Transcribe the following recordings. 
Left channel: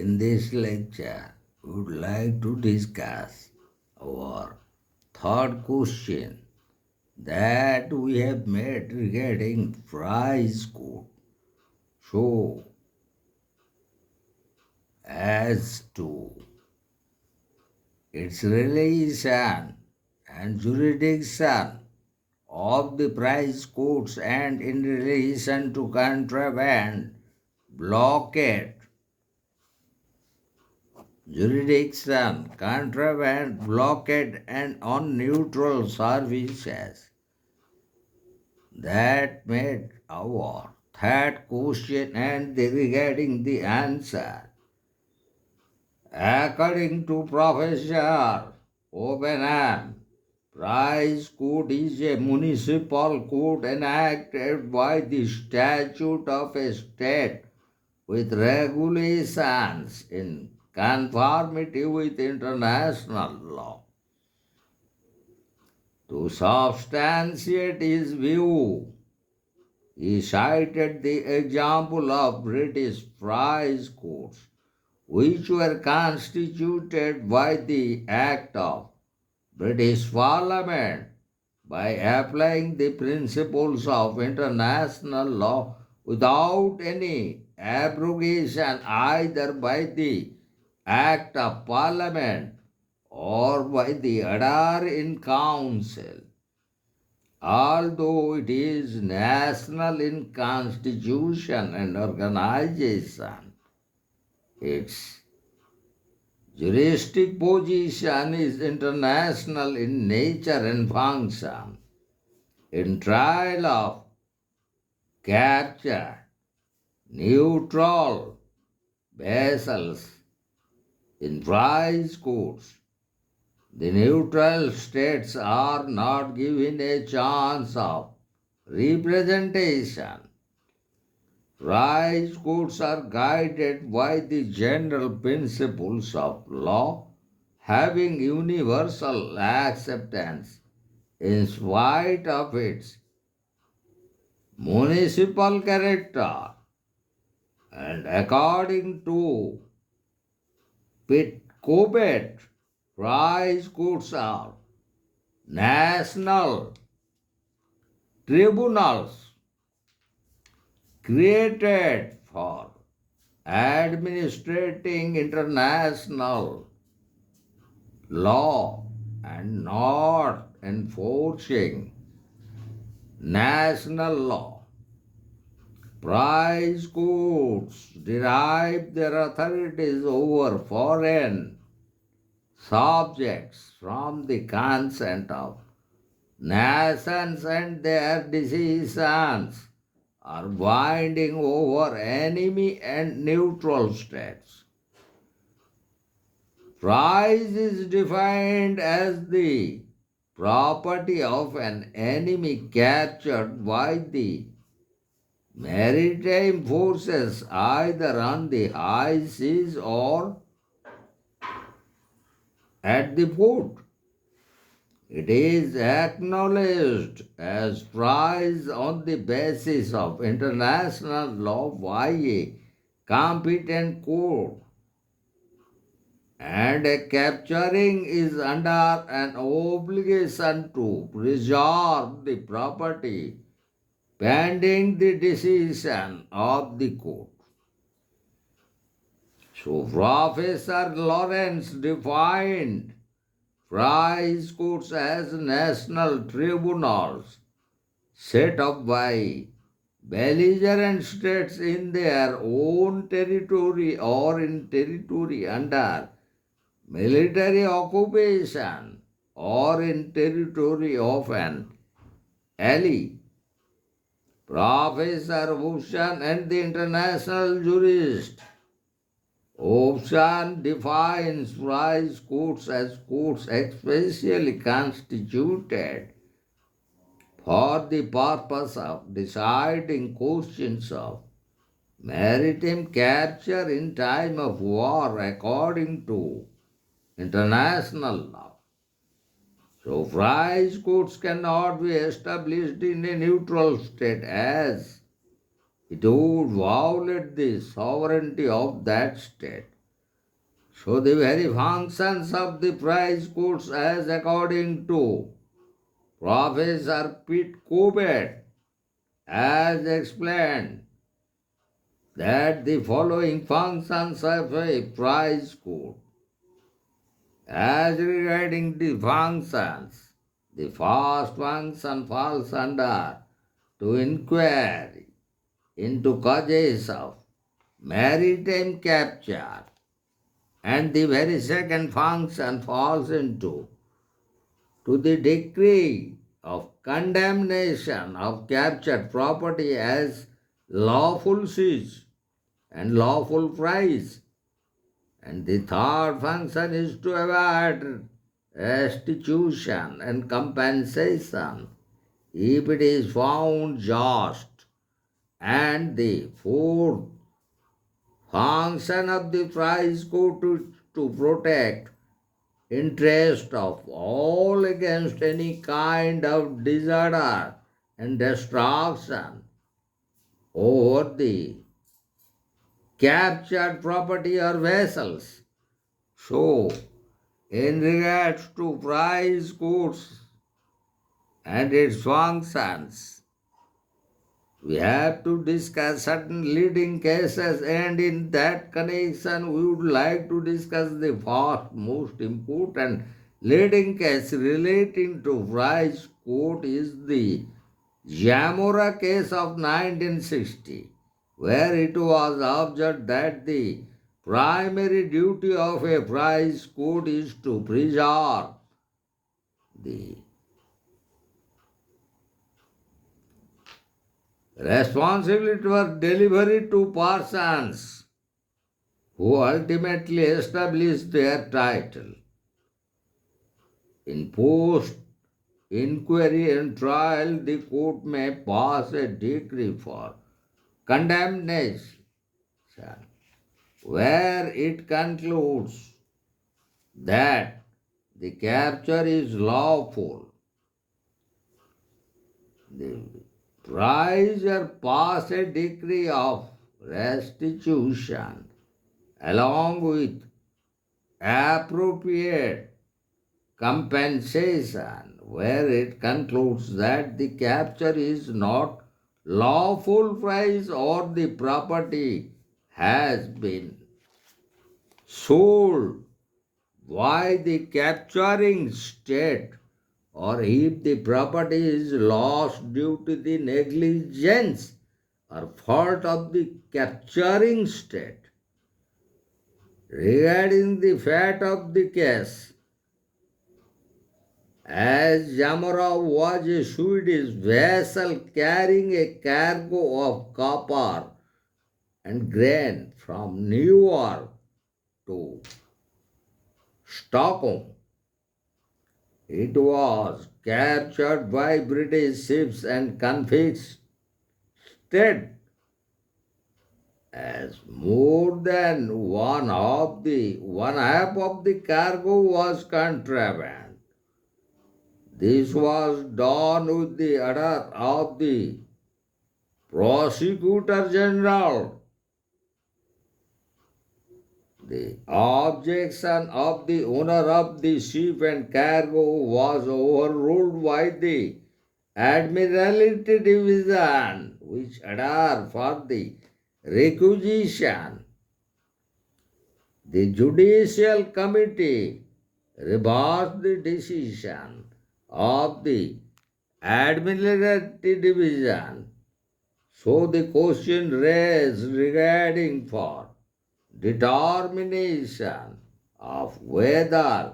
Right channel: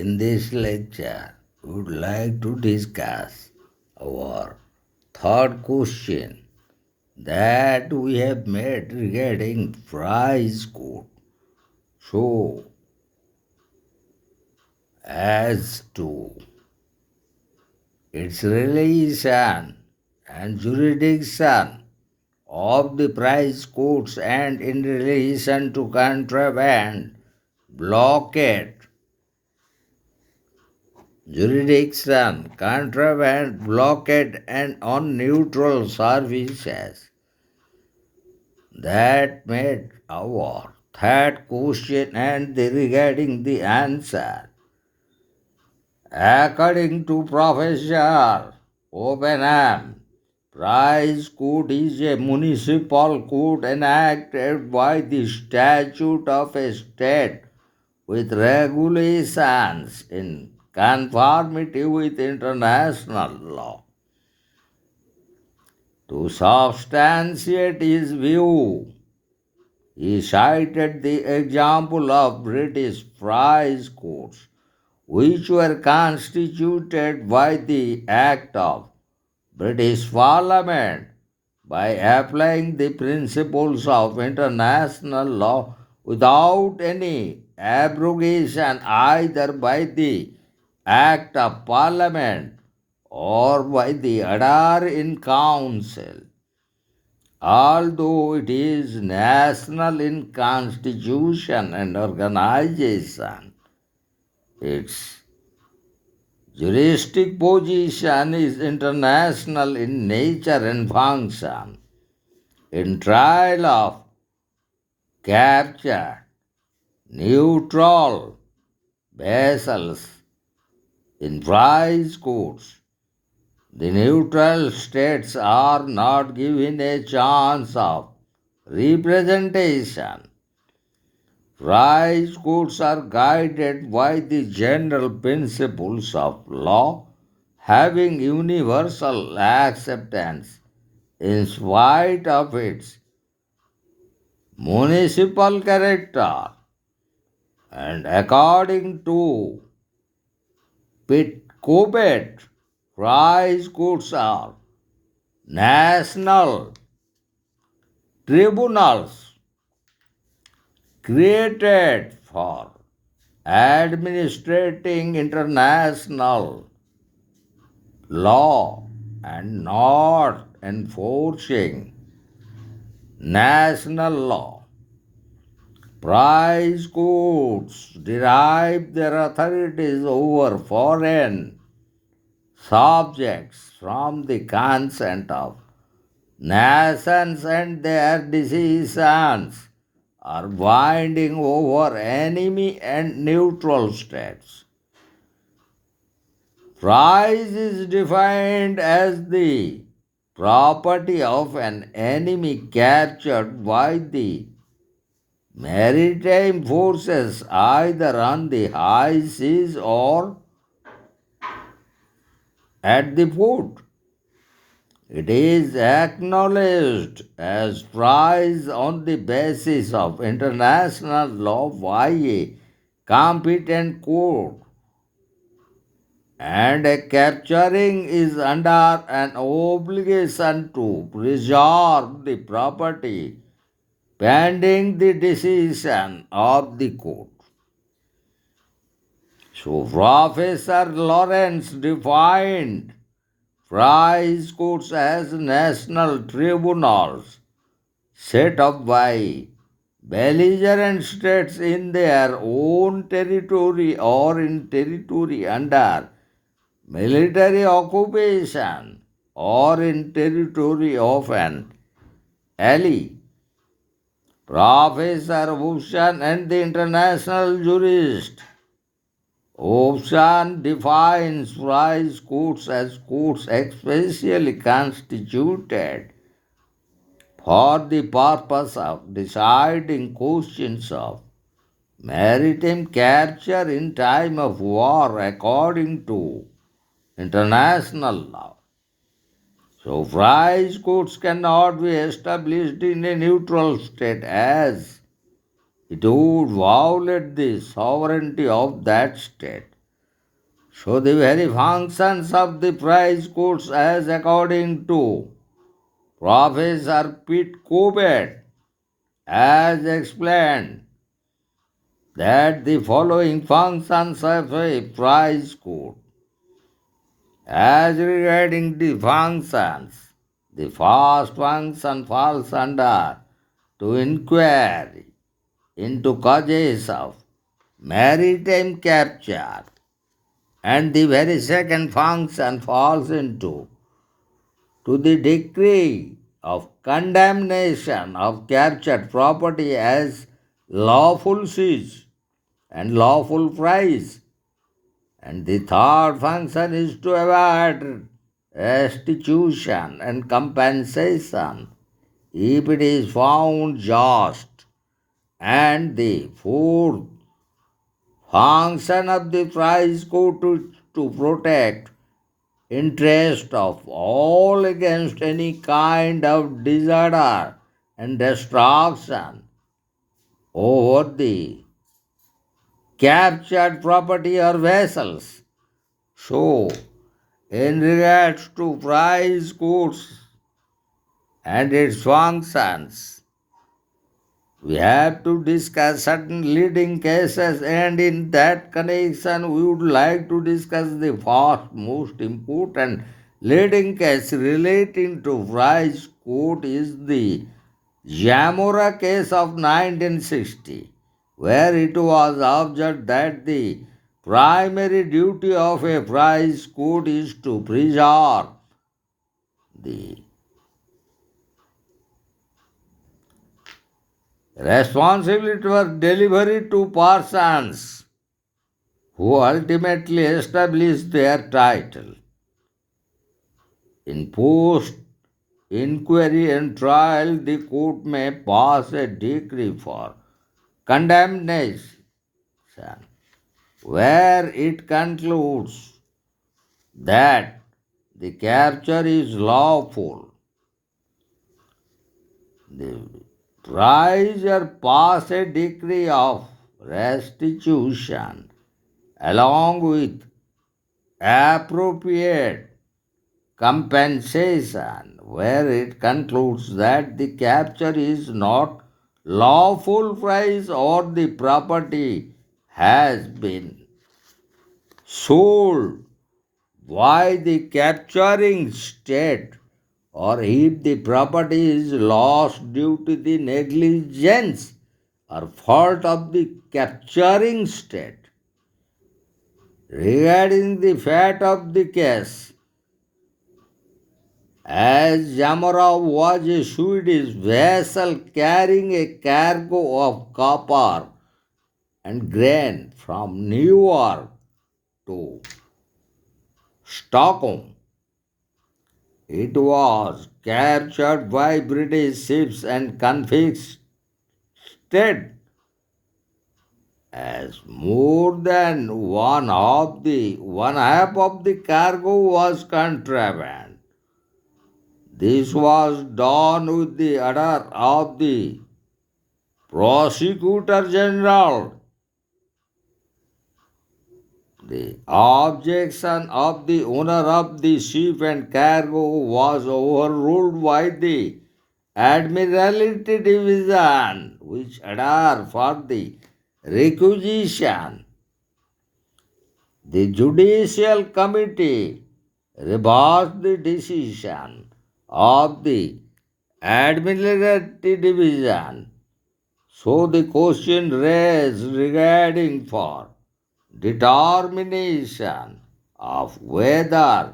In this lecture, we would like to discuss our third question that we have made regarding price code. So, as to its relation and jurisdiction of the price codes and in relation to contraband, blockade, jurisdiction, contraband, blockade, and on neutral services. That made our third question and regarding the answer. According to Professor Openham, price code is a municipal code enacted by the statute of a state with regulations in conformity with international law. To substantiate his view, he cited the example of British price codes, which were constituted by the Act of British Parliament by applying the principles of international law without any abrogation either by the Act of Parliament or by the order in council. Although it is national in constitution and organization, its juristic position is international in nature and function. In trial of capture, neutral vessels in price courts, the neutral states are not given a chance of representation. Price courts are guided by the general principles of law having universal acceptance in spite of its municipal character, and according to Pitt Cobbett, price courts are national tribunals created for administrating international law and not enforcing national law. Price courts derive their authorities over foreign subjects from the consent of nations, and their decisions are binding over enemy and neutral states. Price is defined as the property of an enemy captured by the maritime forces either on the high seas or at the port. It is acknowledged as price on the basis of international law by a competent court, and a capturing is under an obligation to preserve the property pending the decision of the court. So Professor Lawrence defined price courts as national tribunals set up by belligerent states in their own territory or in territory under military occupation or in territory of an ally. Professor Bhushan and the international jurist Option defines price courts as courts especially constituted for the purpose of deciding questions of maritime capture in time of war according to international law. So, price courts cannot be established in a neutral state as it would violate the sovereignty of that state. So the very functions of the price courts as according to Professor Pitt Corbett has explained that the following functions of a price court. As regarding the functions, the first function falls under to inquiry into causes of maritime capture, and the very second function falls into to the decree of condemnation of captured property as lawful siege and lawful price. And the third function is to avoid restitution and compensation if it is found just. And the fourth function of the price code to protect interest of all against any kind of disorder and destruction over the captured property or vessels. So, in regards to price codes and its functions, we have to discuss certain leading cases, and in that connection, we would like to discuss the first most important leading case relating to price code is the Jamora case of 1960, where it was observed that the primary duty of a price code is to preserve the responsibility for delivery to persons who ultimately establish their title. In post inquiry and trial, the court may pass a decree for condemnation, where it concludes that the capture is lawful. The prisoner pass a decree of restitution along with appropriate compensation, where it concludes that the capture is not lawful price or the property has been sold by the capturing state, or if the property is lost due to the negligence or fault of the capturing state. Regarding the fate of the case, as Yamarov was a Swedish vessel carrying a cargo of copper and grain from New York to Stockholm, it was captured by British ships and confiscated as more than one half of the cargo was contraband. This was done with the order of the Prosecutor General. The objection of the owner of the ship and cargo was overruled by the Admiralty Division, which ordered for the requisition. The Judicial Committee reversed the decision of the Admiralty Division. So the question raised regarding for determination of whether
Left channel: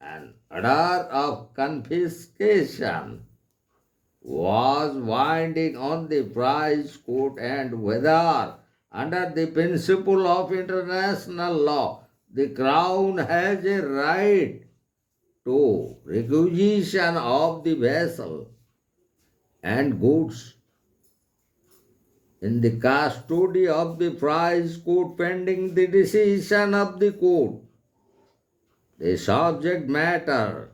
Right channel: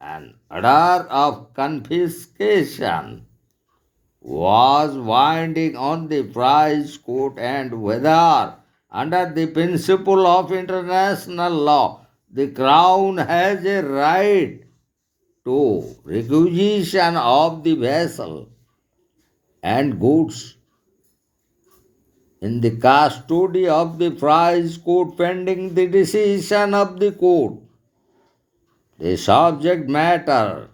an order of confiscation was binding on the price court and whether under the principle of international law the crown has a right to requisition of the vessel and goods in the custody of the prize court pending the decision of the court. The subject matter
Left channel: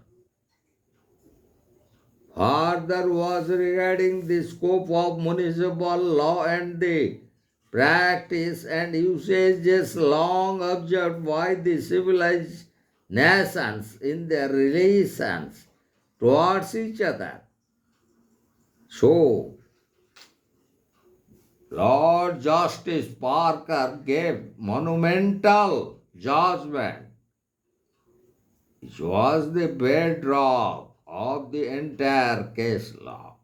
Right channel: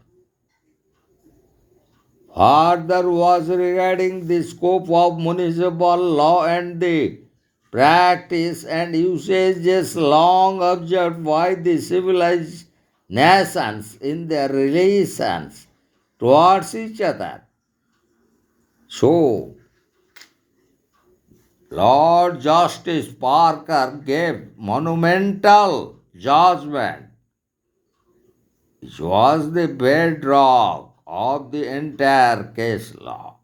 further was regarding the scope of municipal law and the practice and usages long observed by the civilized nations in their relations towards each other. So, Lord Justice Parker gave monumental judgment, which was the bedrock of the entire case law.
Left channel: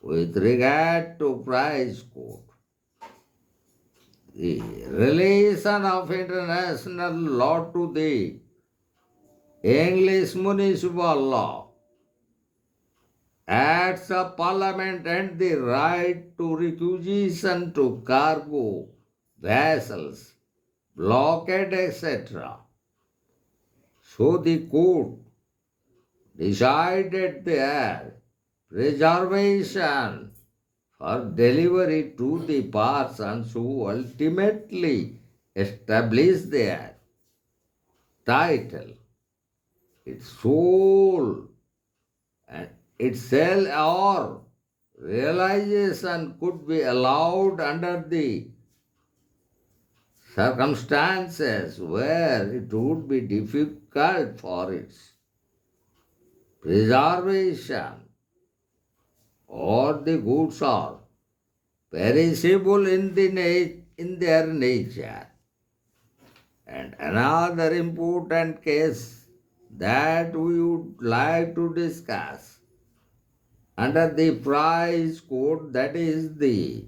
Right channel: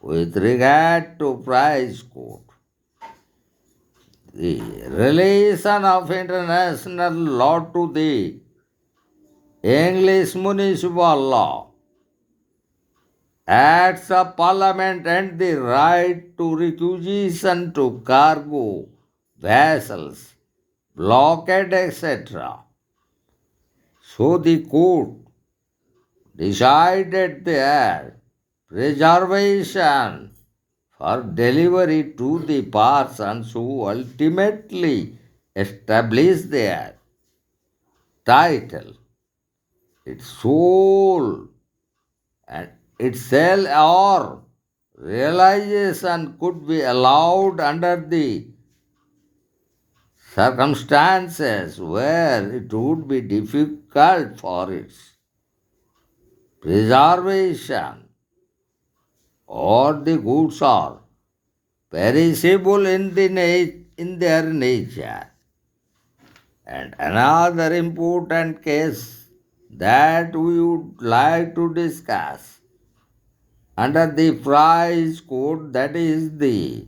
With regard to price court, the relation of international law to the English municipal law acts of parliament and the right to requisition to cargo vessels, blockade, etc. So the court decided their preservation for delivery to the persons who ultimately established their title, its soul, and its sale or realization could be allowed under the circumstances where it would be difficult for its preservation or the goods are perishable in their nature. And another important case that we would like to discuss under the price code, that is the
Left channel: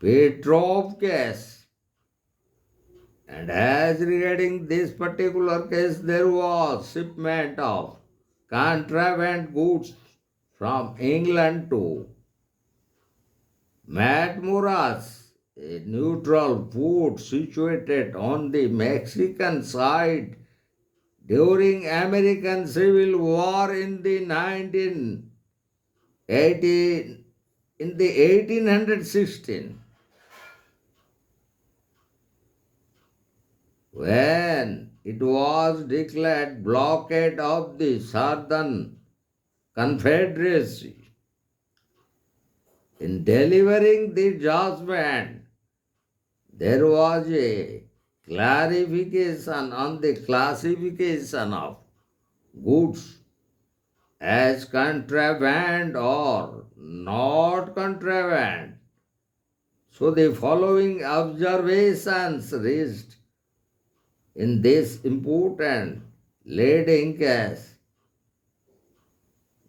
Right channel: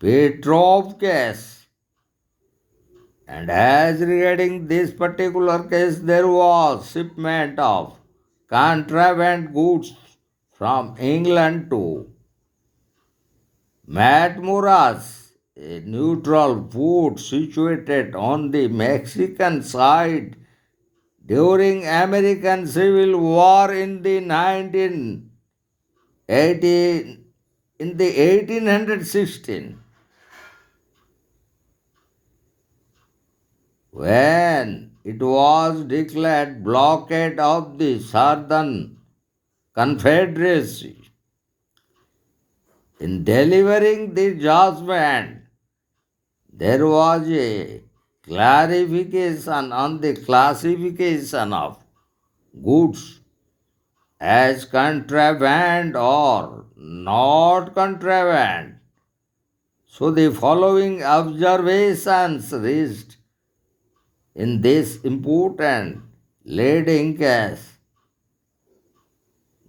Petrov case. And as regarding this particular case, there was shipment of contraband goods from England to Matamoros, a neutral port situated on the Mexican side during American Civil War in the 1918 in the 1816, when it was declared blockade of the Southern Confederacy. In delivering the judgment, there was a clarification on the classification of goods as contraband or not contraband. So the following observations reached in this important leading case:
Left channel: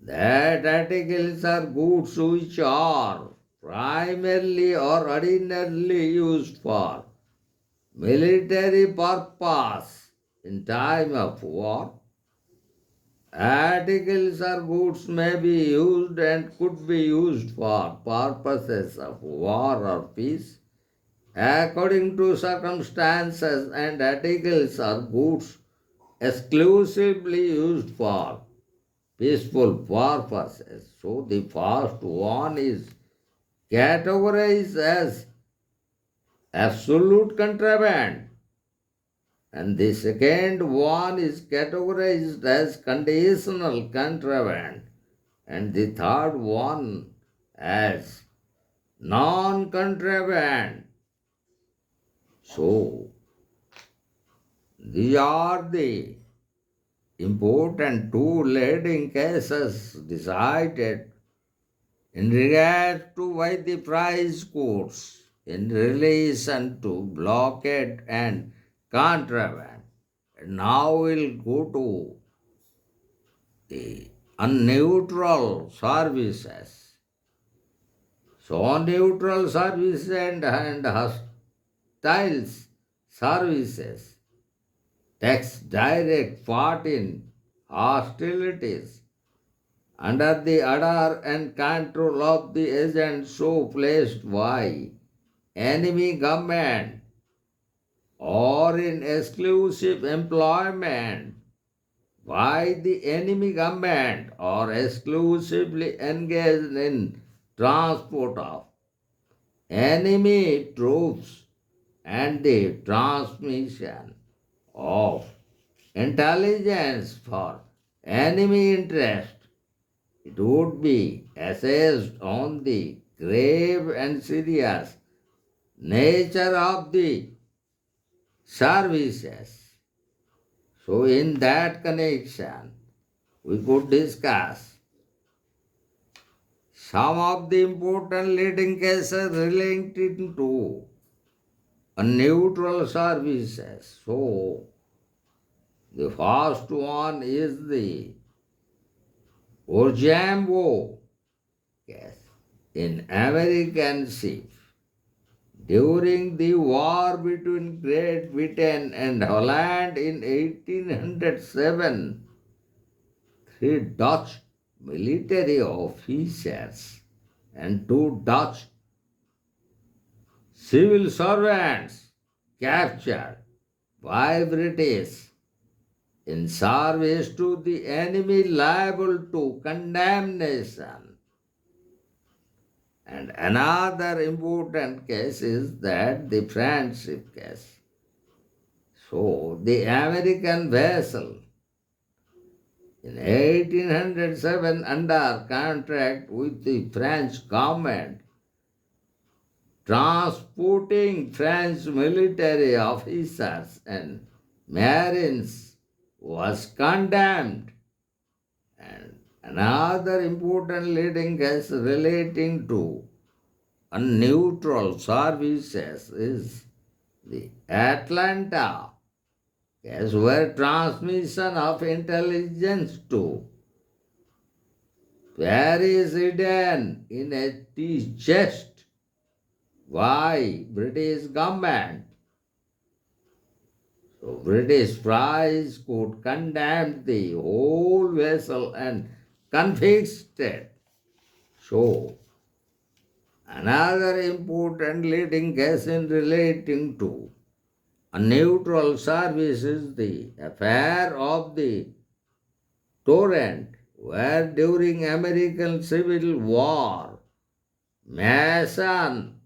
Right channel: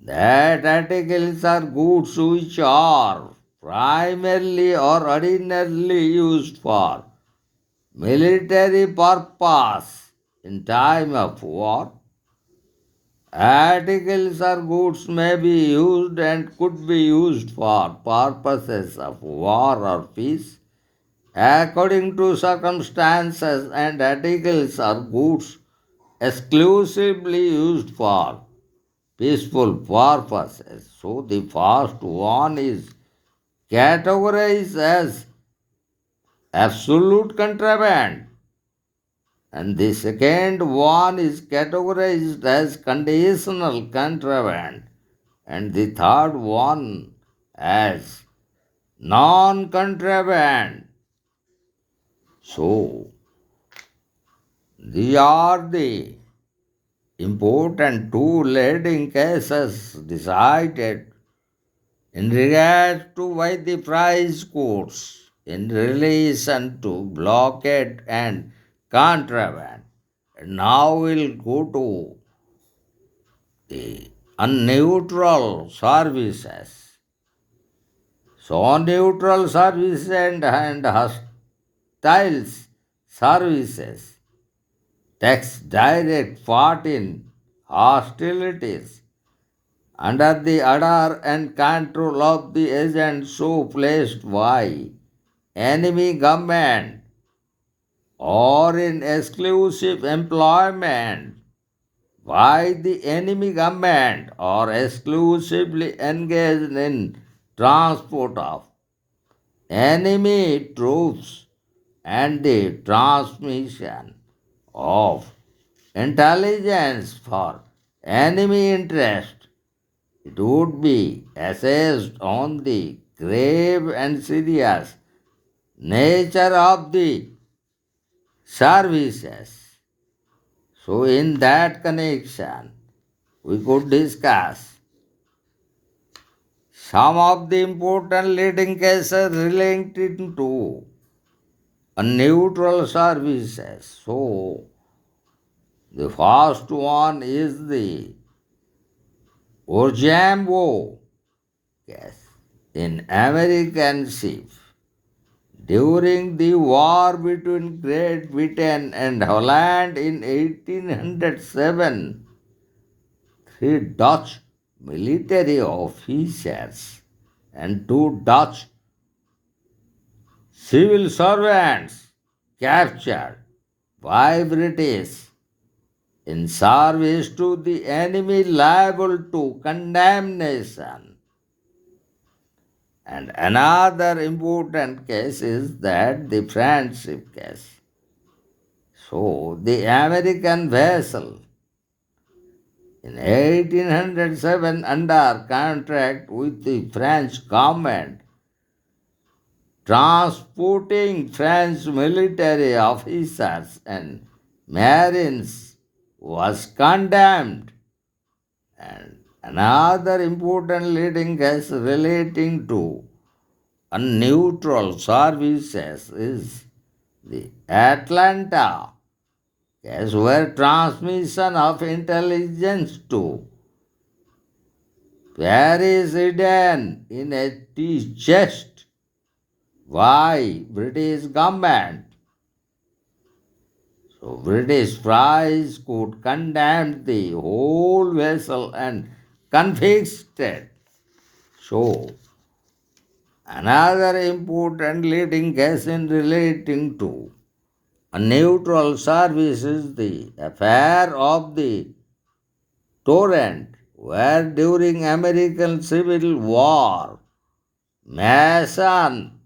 that articles are goods which are primarily or ordinarily used for military purpose in time of war. Articles or goods may be used and could be used for purposes of war or peace according to circumstances, and articles or goods exclusively used for peaceful purposes. So the first one is categorized as absolute contraband, and the second one is categorized as conditional contraband, and the third one as non contraband. So, these are the important two leading cases decided in regard to why the price courts in relation to blockade and contraband. Now we'll go to the unneutral services. So neutral services and hostile services takes direct part in hostilities under the order and control of the agent so placed by enemy government or in exclusive employment by the enemy government or exclusively engaged in transport of enemy troops and the transmission of intelligence for enemy interest. It would be assessed on the grave and serious nature of the services. So, in that connection, we could discuss some of the important leading cases relating to a neutral services. So, the first one is the Orjambo case in American ship. During the war between Great Britain and Holland in 1807, three Dutch military officers and two Dutch civil servants captured by British in service to the enemy liable to condemnation. And another important case is that the friendship case. So the American vessel in 1807 under contract with the French government transporting French military officers and marines was condemned. And another important leading case relating to neutral services is the Atlanta case where transmission of intelligence to Paris hidden in a tea chest by British government. So British prize could condemn the whole vessel and confiscate. So another important leading case in relating to a neutral service is the affair of the Torrent, where during American Civil War, Mason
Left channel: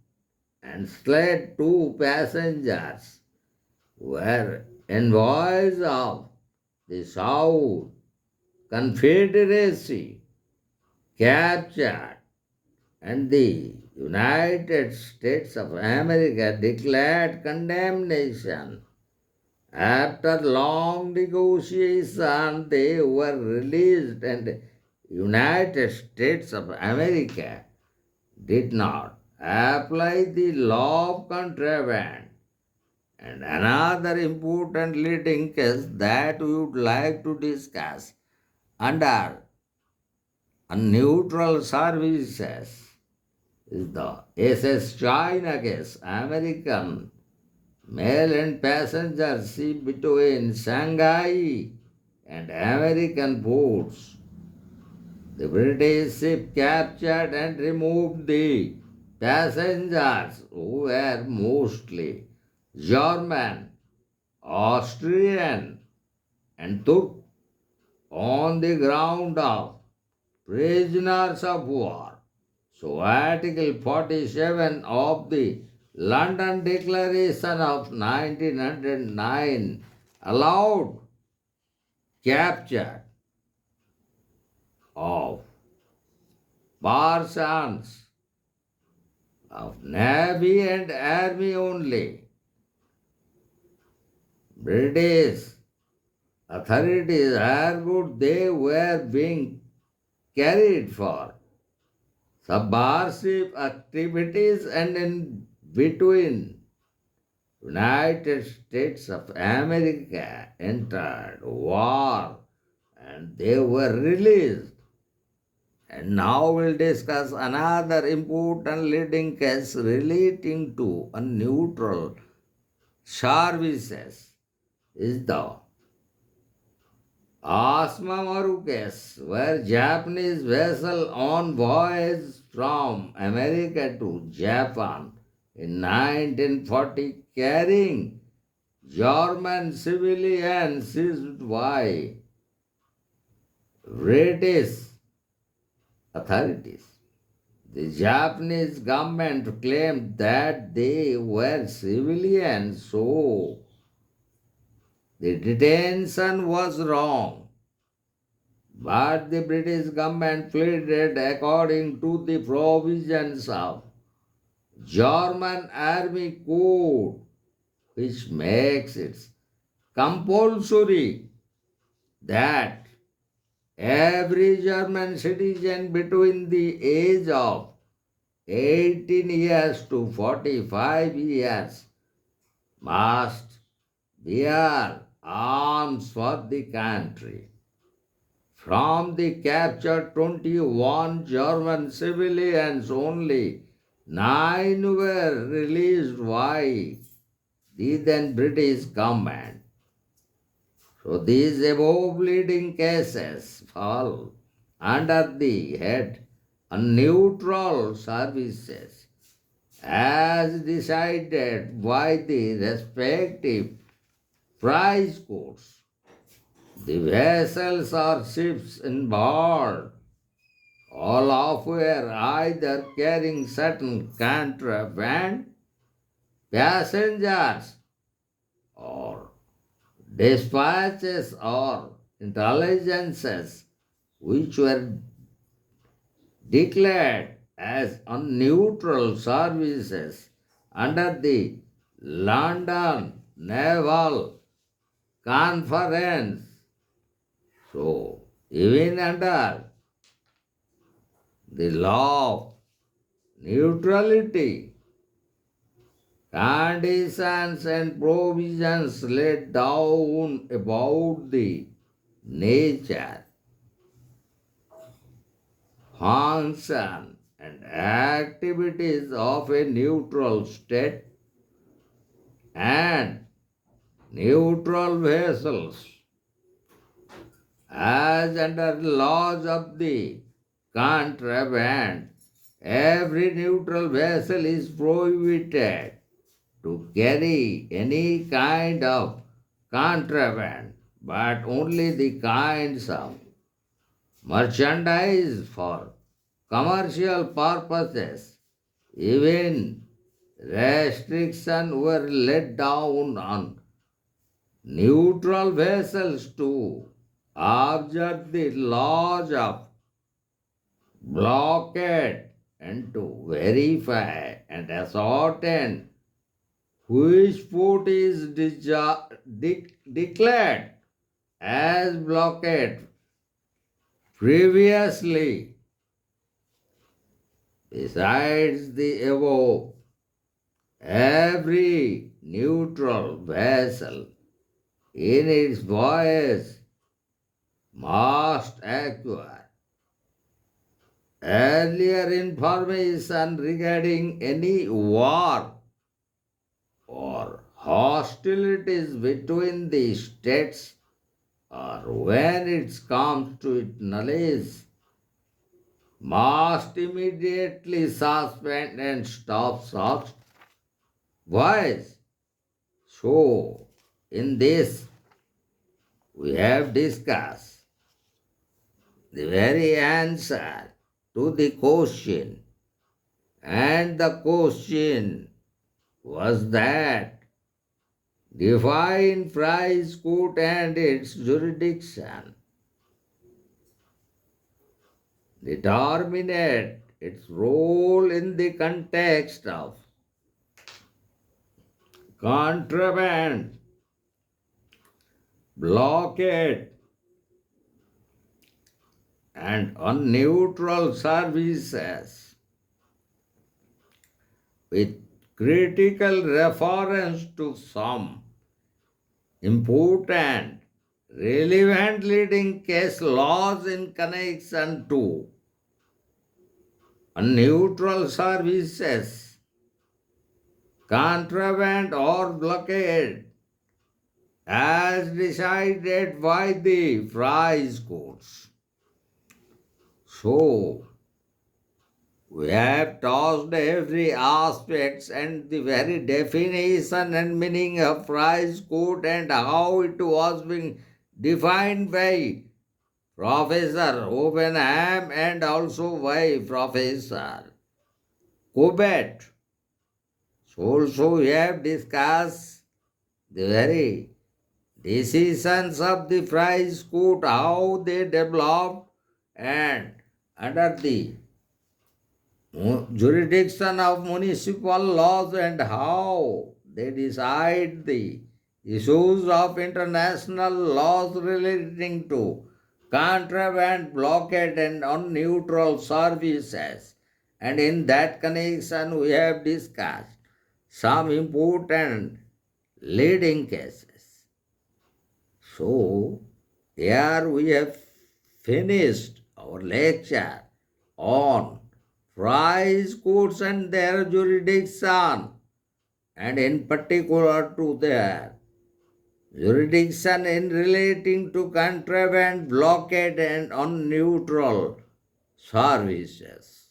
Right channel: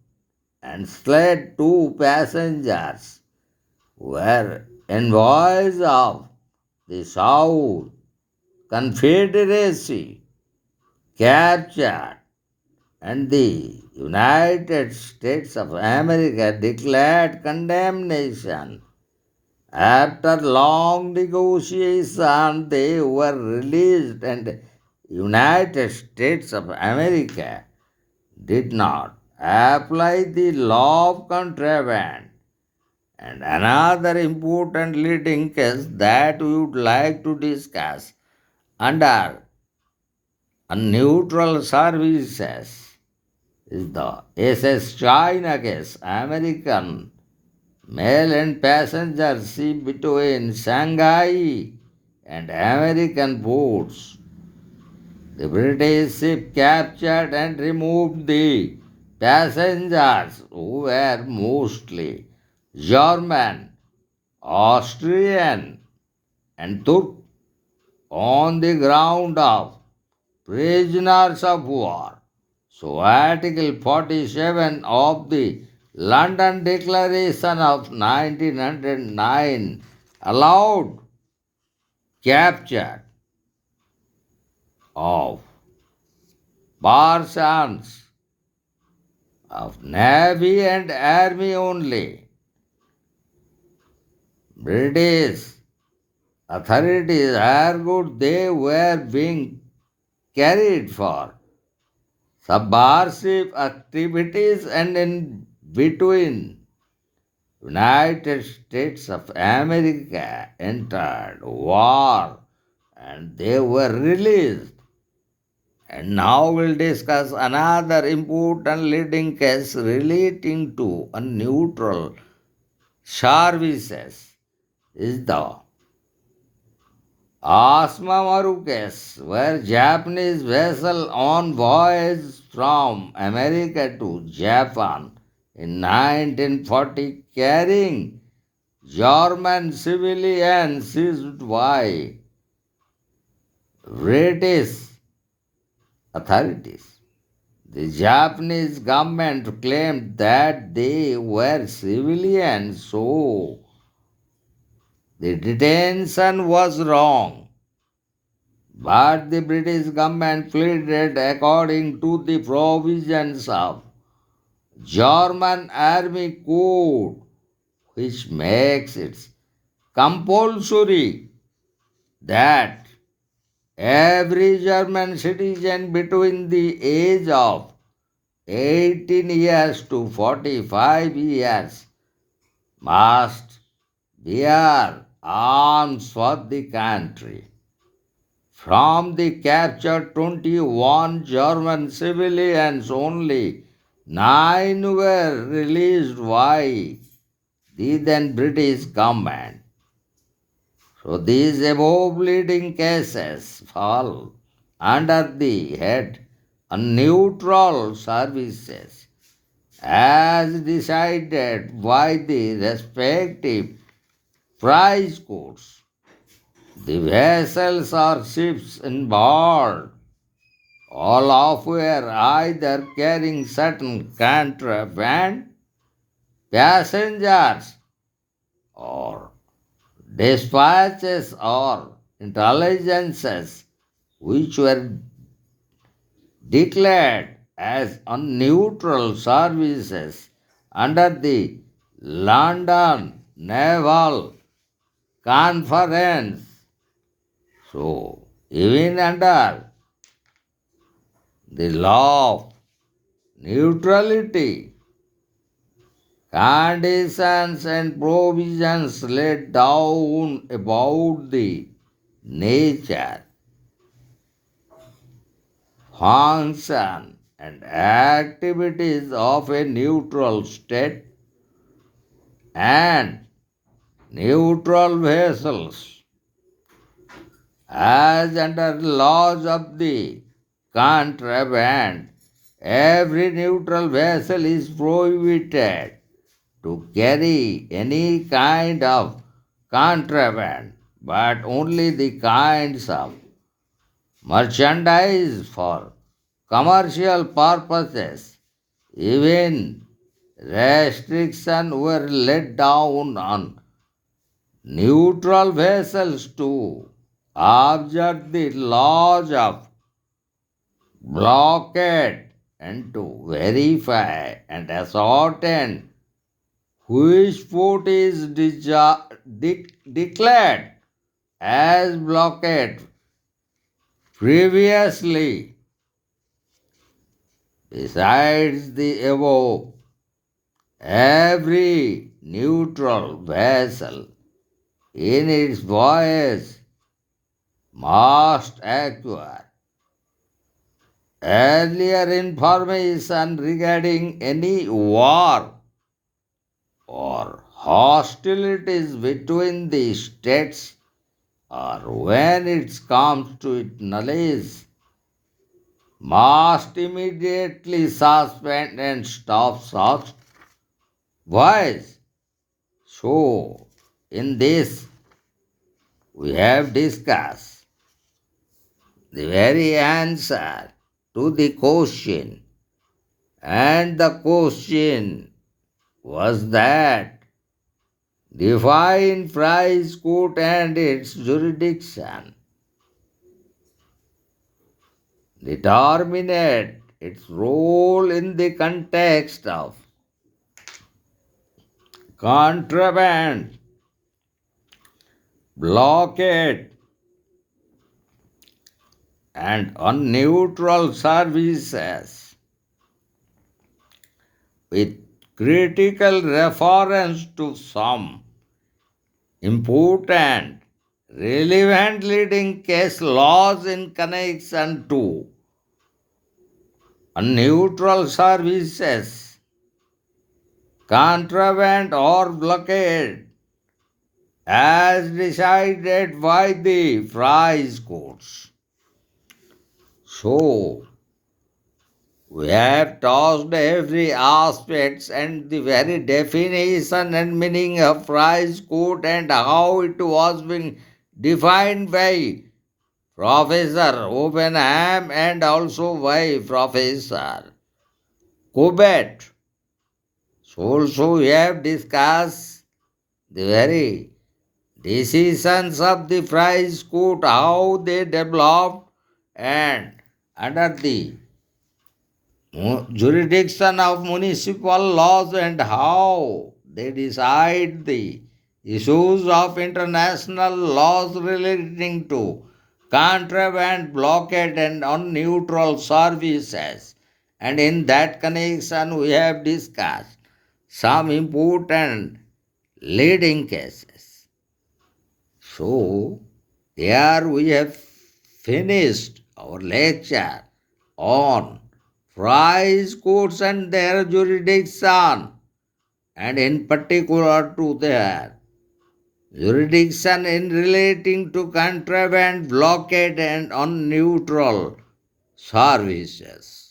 and Slade, two passengers, were envoys of the South Confederacy, captured, and the United States of America declared condemnation. After long negotiation, they were released, and United States of America did not apply the law of contraband. And another important leading case that we would like to discuss under a neutral services is the SS China case, American mail and passenger ship between Shanghai and American ports. The British ship captured and removed the passengers who were mostly German, Austrian, and Turk on the ground of prisoners of war. So, Article 47 of the London Declaration of 1909 allowed capture of persons of Navy and Army only. British authorities argued they were being carried for subversive activities and in between United States of America entered war and they were released. And now we'll discuss another important leading case relating to a neutral services is the Asma Maru case, where Japanese vessel on voyage from America to Japan in 1940 carrying German civilians seized by British authorities. The Japanese government claimed that they were civilians, so the detention was wrong. But the British government pleaded according to the provisions of German Army Code, which makes it compulsory that every German citizen between the age of 18 years to 45 years must bear arms for the country. From the captured 21 German civilians, only 9 were released by the then British government. So these above leading cases fall under the head neutral services as decided by the respective prize courts. The vessels or ships involved, all of were either carrying certain contraband, passengers, or dispatches or intelligences which were declared as unneutral services under the London Naval Conference. So, even under the law of neutrality, conditions and provisions laid down about the nature, function, and activities of a neutral state and neutral vessels, as under the laws of the contraband, every neutral vessel is prohibited to carry any kind of contraband, but only the kinds of merchandise for commercial purposes. Even restrictions were laid down on neutral vessels to observe the laws of blockade and to verify and ascertain which port is declared as blockade previously. Besides the above, every neutral vessel in its voyage must acquire earlier information regarding any war or hostilities between the states, or when it comes to its knowledge, must immediately suspend and stop such voice. So, in this, we have discussed the very answer to the question, and the question was that define prize court and its jurisdiction, determine its role in the context of contraband, blockade, and unneutral services, with critical reference to some important relevant leading case laws in connection to unneutral services, contraband, or blockade, as decided by the prize courts. So, we have touched every aspect and the very definition and meaning of prize court and how it was being defined by Professor Oppenheim and also by Professor Cobbett. So also we have discussed the very decisions of the prize court, how they developed, and under the jurisdiction of municipal laws and how they decide the issues of international laws relating to contraband, blockade, and unneutral services. And in that connection, we have discussed some important leading cases. So, here we have finished our lecture on prize courts and their jurisdiction, and in particular to their jurisdiction in relating to contraband, blockade, and unneutral services.